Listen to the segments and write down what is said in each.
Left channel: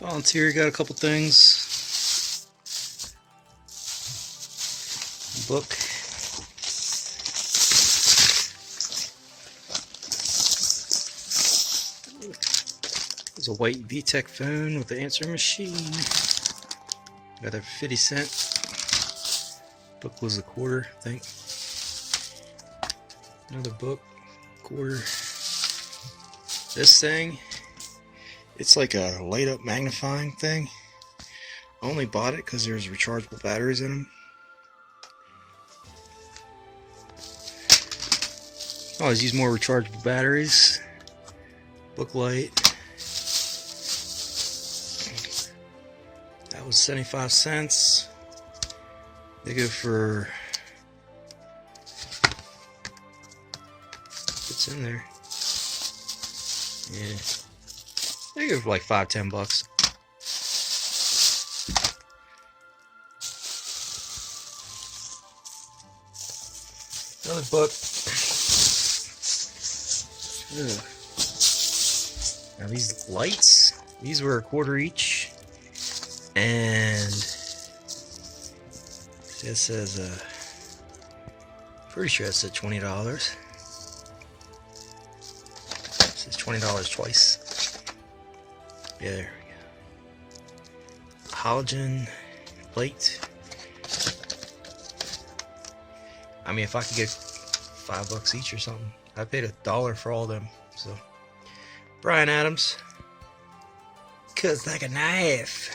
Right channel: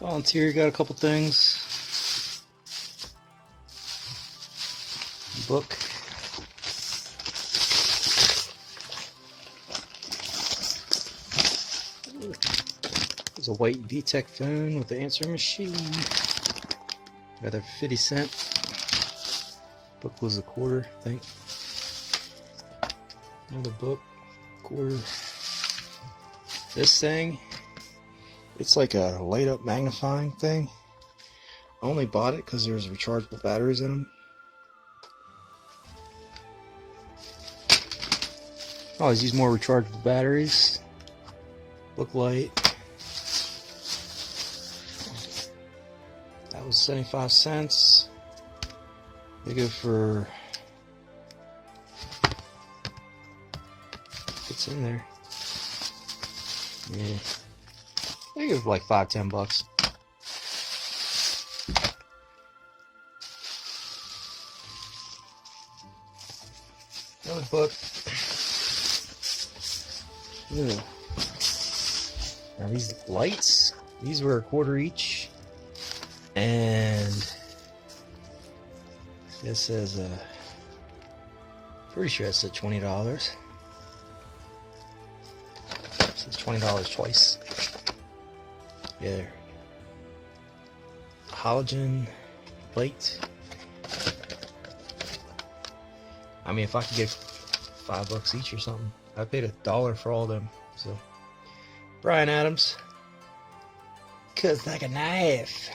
Volunteer got a couple things. Book. There's a white VTech phone with the answering machine. Got a 50-cent. Book was a quarter, I think. Another book, quarter. This thing, it's like a light up magnifying thing. I only bought it because there's rechargeable batteries in them. I always use more rechargeable batteries. Book light. That was 75 cents. They go for, what's in there? Yeah. They go for like $5-10. Another book. Ugh. Now these lights, these were a quarter each, and this says pretty sure it said $20. It says $20 twice. Yeah, there we go. Halogen plate. I mean, if I could get $5 each or something, I paid $1 for all of them. So, Bryan Adams, cuts like a knife.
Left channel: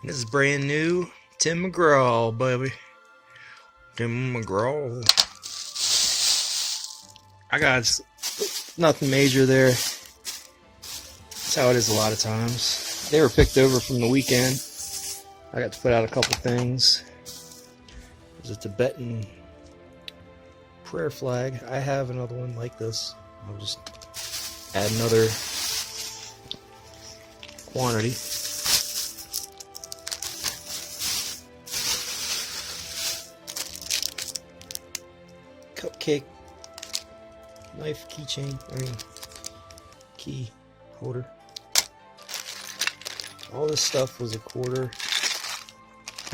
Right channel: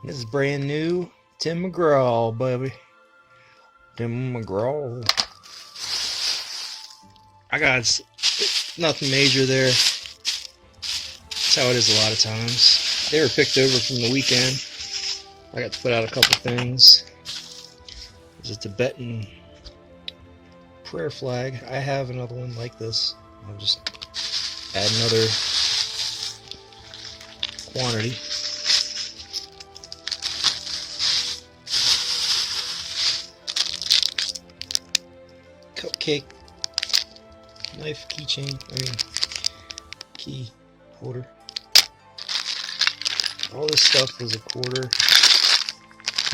And this is brand new Tim McGraw, baby. Tim McGraw. I got nothing major there. That's how it is a lot of times. They were picked over from the weekend. I got to put out a couple things. There's a Tibetan prayer flag. I have another one like this. I'll just add another quantity. Cupcake knife keychain. Key holder. All this stuff was a quarter.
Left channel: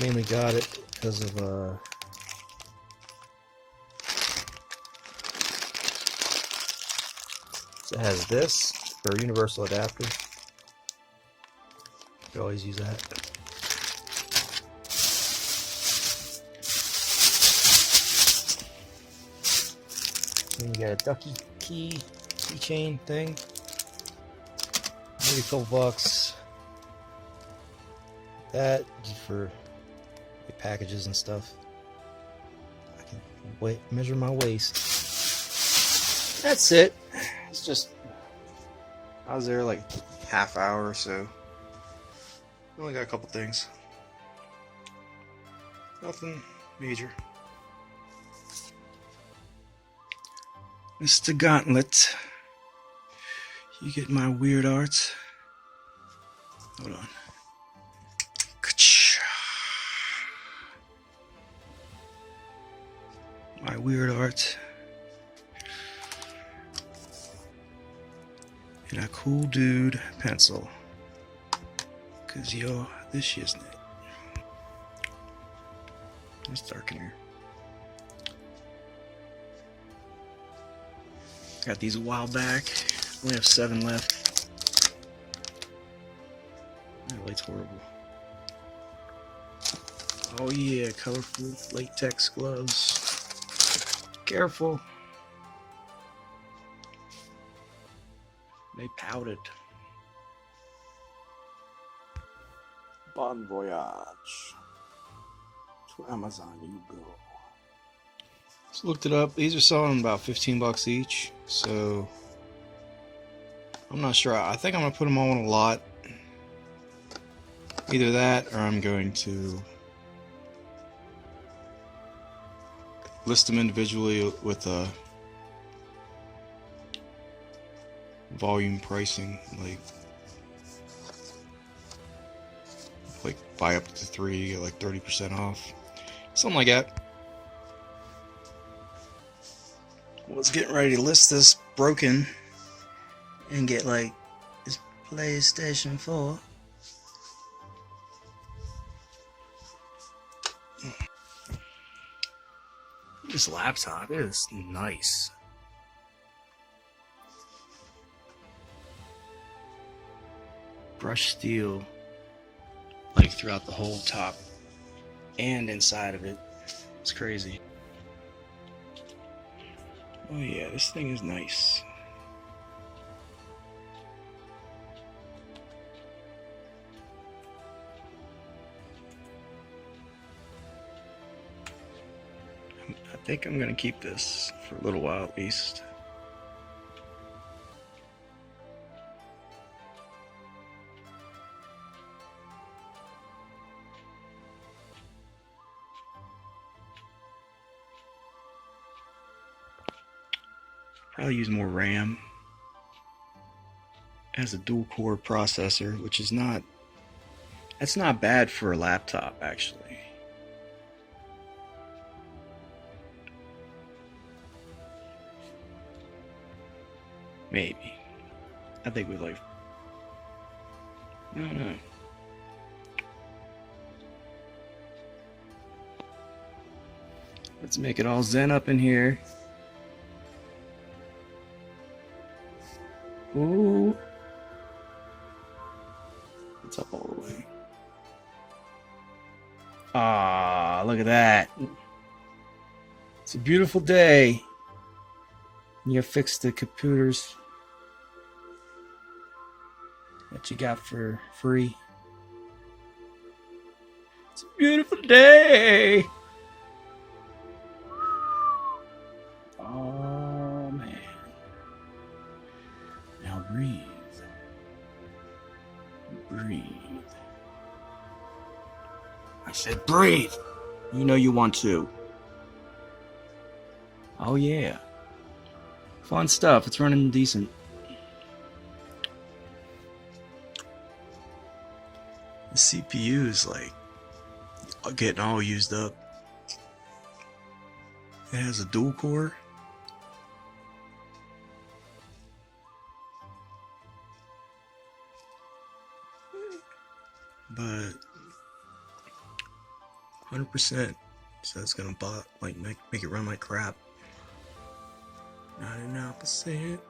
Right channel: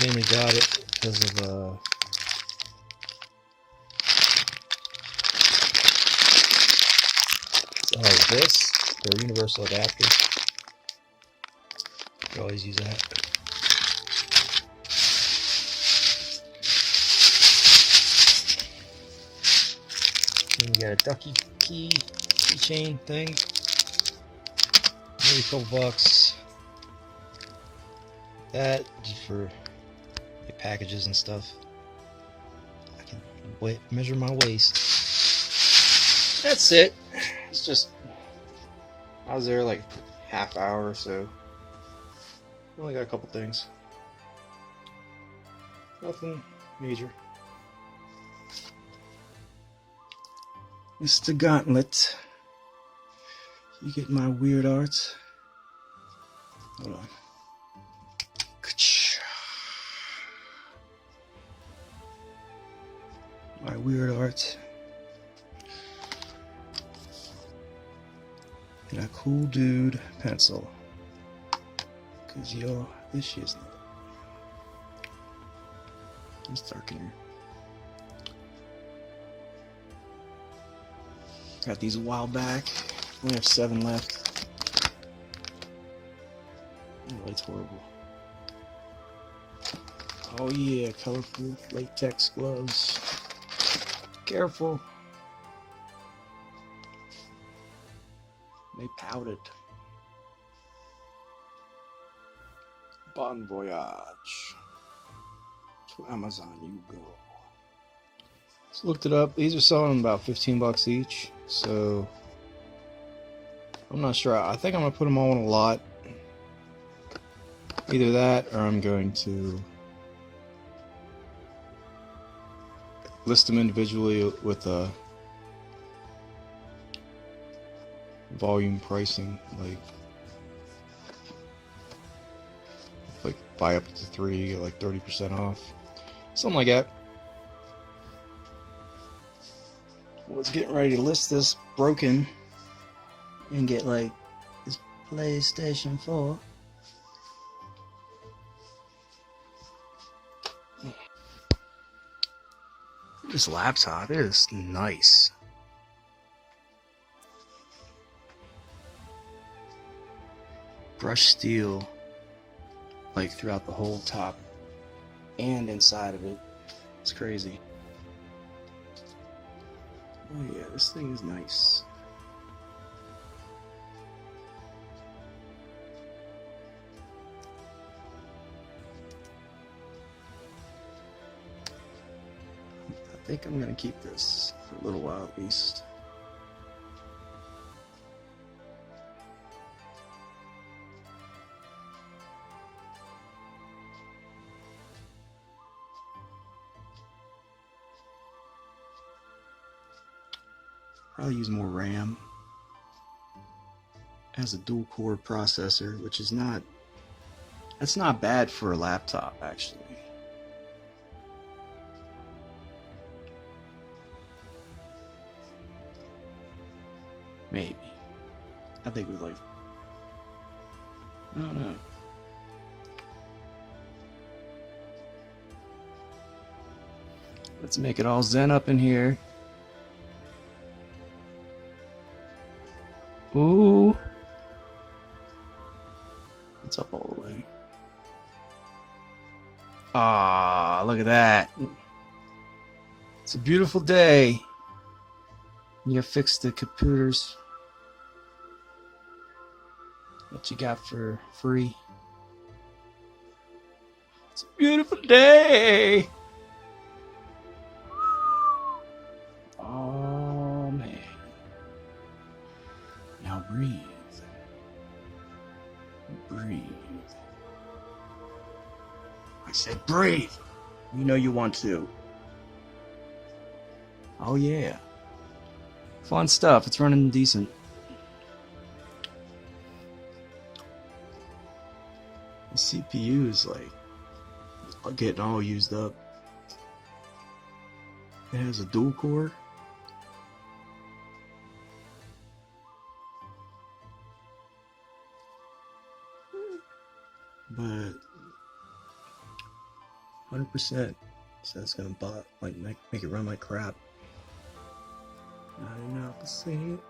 Mainly got it because of it has this for a universal adapter. You always use that. Then you got a ducky keychain thing. Maybe a couple bucks. That for the packages and stuff. I can measure my waist. That's it. It's just, I was there like half hour or so. Only got a couple things. Nothing major. Mr. Gauntlet. You get my weird arts. Hold on. My weird art. And a cool dude pencil. Cause yo, this shit's it. It's dark in here. Got these a while back. Only have 7 left. That light's horrible. Oh yeah, colorful latex gloves. Careful. They powdered. Bon voyage. To Amazon you go. Just looked it up. These are selling about $15 each. So I'm not sure. I think I'm gonna put them all in a lot. Either that, or I'm going to list them individually with a volume pricing, like buy up to 3, get like 30% off, something like that. Was getting ready to list this broken and get like PlayStation 4. This laptop is nice. Brushed steel, like throughout the whole top and inside of it. It's crazy. Oh yeah, this thing is nice. I think I'm gonna keep this for a little while at least. Probably use more RAM. It has a dual core processor, which is that's not bad for a laptop actually. Maybe. I think with like, I don't know. Let's make it all zen up in here. Ooh. It's up all the way. Ah, look at that. It's a beautiful day. You fix the computers that you got for free. It's a beautiful day. Oh man. Now breathe. Breathe. I said breathe. You know you want to. Oh yeah. Fun stuff. It's running decent. The CPU is like getting all used up. It has a dual core. But 100%, so it's gonna make it run like crap. Not an opposite.